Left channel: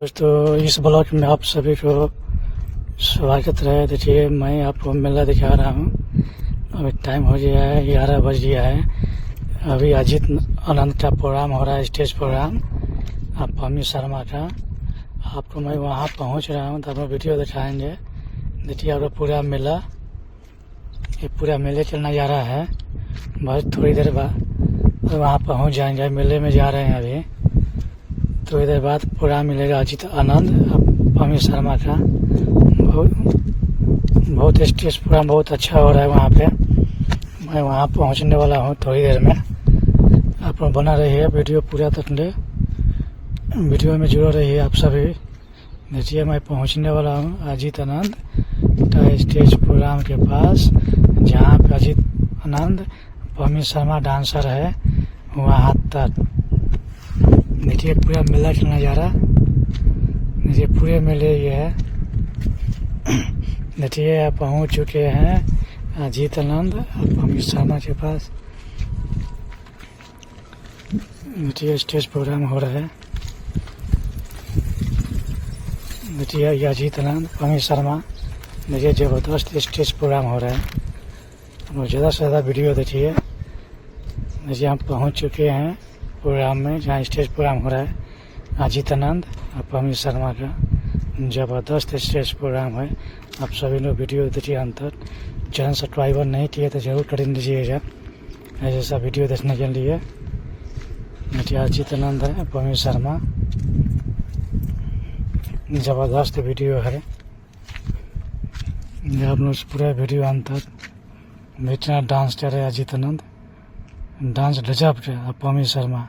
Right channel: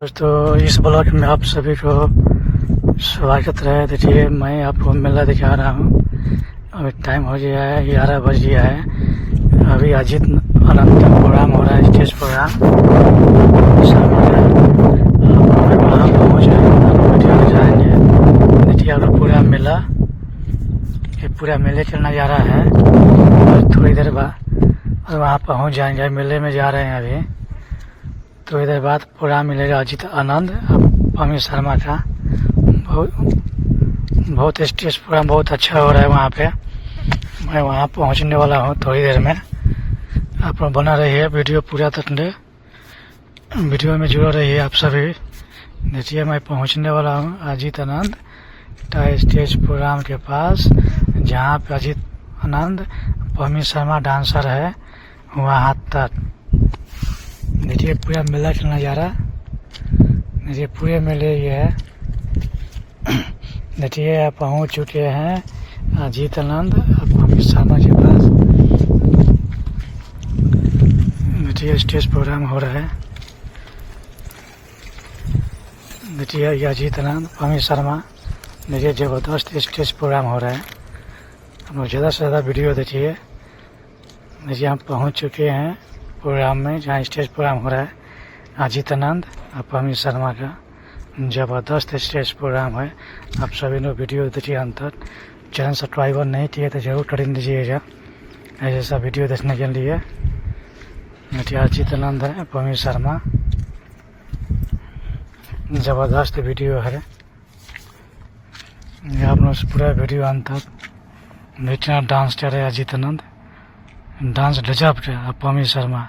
दोस्तों इस ब्लॉग में आप सभी को स्वागत है। देखिए मैं आपको मेला दिखा रहा हूँ। अभी टाइम हो गया है 11 बज गया है। अभी अजीत अनंत प्रोग्राम हो रहा है, स्टेज प्रोग्राम शर्मा का। आप वहाँ पहुँच रहे हैं, आपको वीडियो दिखाएंगे। देखिए अब पूरा मेला, ये पूरा मेले का नज़ारा है। और थोड़ी देर बाद वहाँ पहुँच जाएंगे। मेले में जा रहे हैं अभी, तो इधर बाद प्रोग्राम मिलेगा अजीत आनंद पमी शर्मा का। बहुत स्टेज प्रोग्राम बहुत अच्छा हो रहा है वहाँ पे। मैं वहाँ पहुँचने वाला हूँ थोड़ी देर में। आप बना रहिए वीडियो पूरा तक, वीडियो में जुड़े रहिए आप सभी। देखिए मैं पहुँचने वाला हूँ अजीत आनंद का स्टेज प्रोग्राम के पास, जहाँ पे अजीत आनंद पमी शर्मा डांसर है वहाँ तक। देखिए पूरा मेला का नज़ारा, देखिए पूरे मेले ये है। देखिए आप पहुँच चुके हैं अजीत आनंद पमी शर्मा के पास। देखिए स्टेज प्रोग्राम हो रहा है। देखिए ये अजीत आनंद पमी शर्मा, देखिए ज़बरदस्त स्टेज प्रोग्राम हो रहा है। हम लोग ज़्यादा से ज़्यादा वीडियो देखिए। देखिए हम पहुँच चुके हैं प्रोग्राम में, जहाँ स्टेज प्रोग्राम हो रहा है अजीत आनंद और पमी शर्मा का। ज़बरदस्त स्टेज प्रोग्राम है। आप सभी लोग वीडियो देखिए अंत तक। चैनल सब्सक्राइब नहीं किए तो जरूर कर दीजिएगा ऐसे सब वीडियो देखने के लिए। देखिए अजीत आनंद है पमी शर्मा, ज़बरदस्त वीडियो है। आप लोग पूरा वीडियो अंत तक देखना। डांस कर रहे अजीत आनंद, डांस गजब का पमी शर्मा।